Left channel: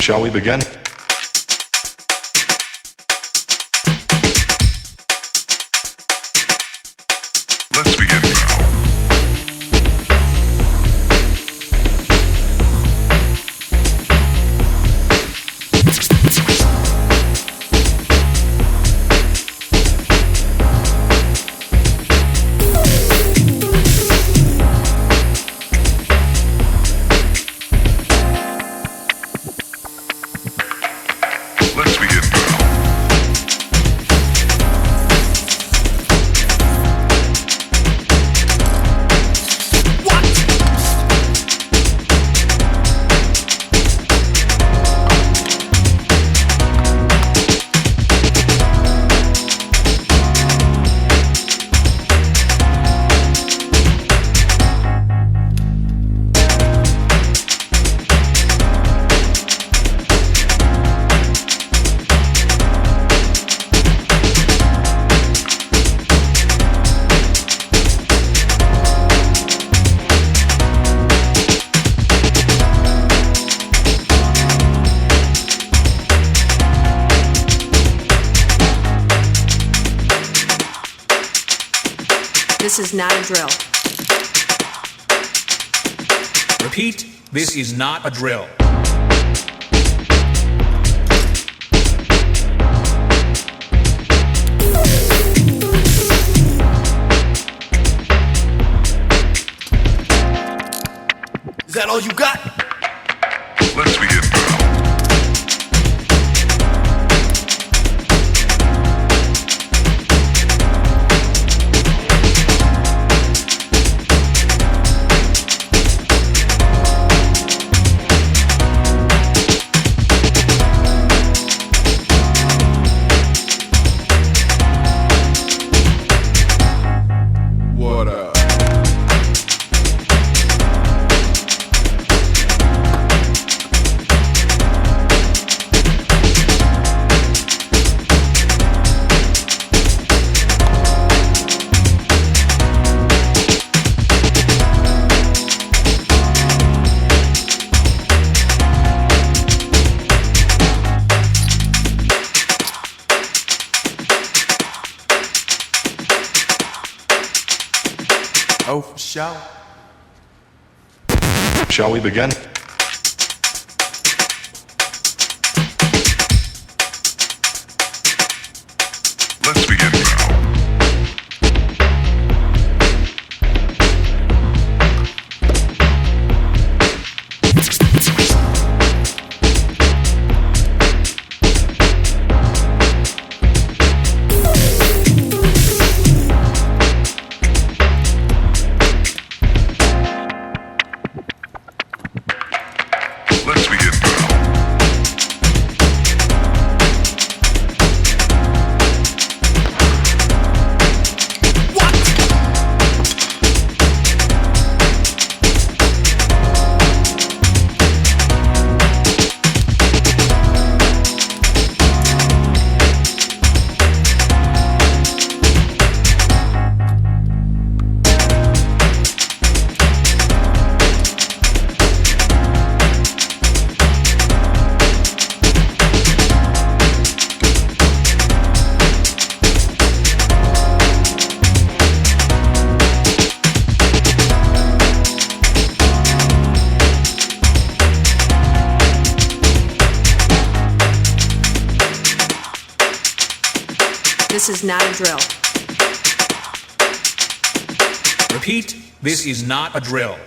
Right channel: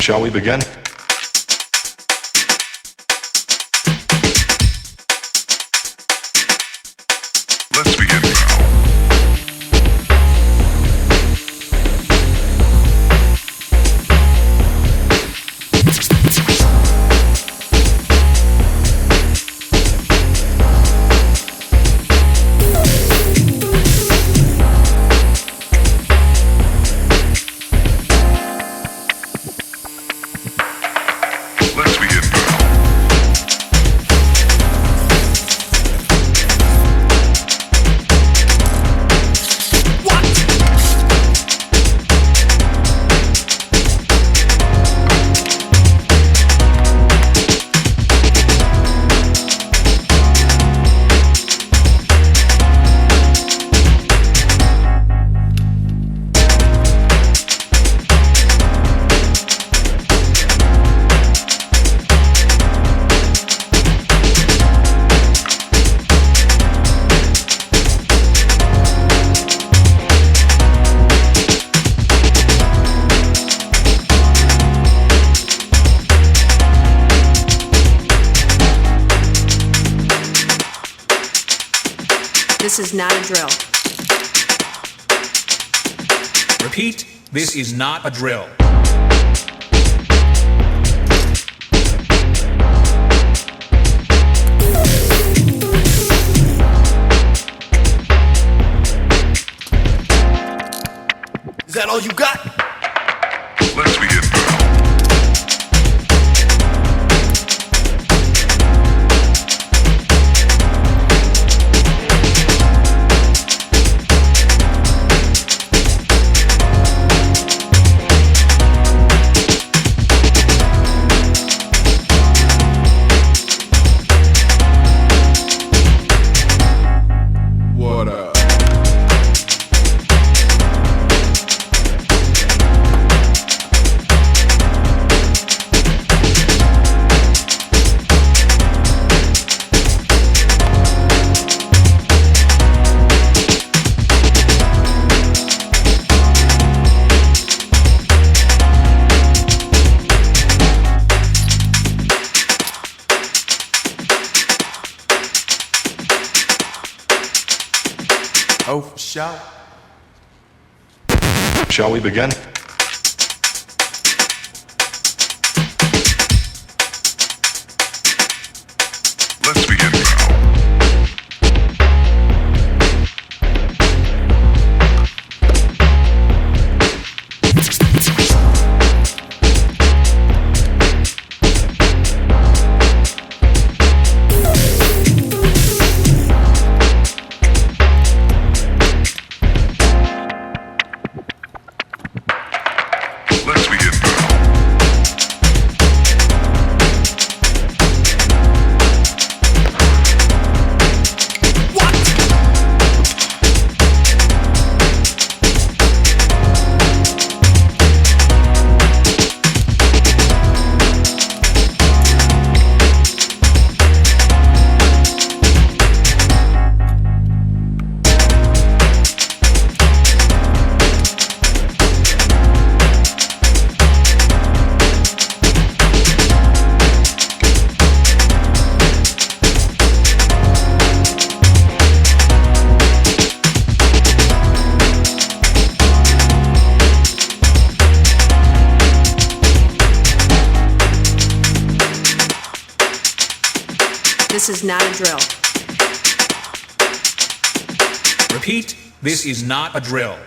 Shall we begin? Let's begin now. Let's begin now. This is not a drill. Repeat, this is not a drill. Is that all you got? Let's begin now. What up? Oh, for sure. Shall we begin? Let's begin now. Let's begin now. This is not a drill. Repeat, this is not a drill.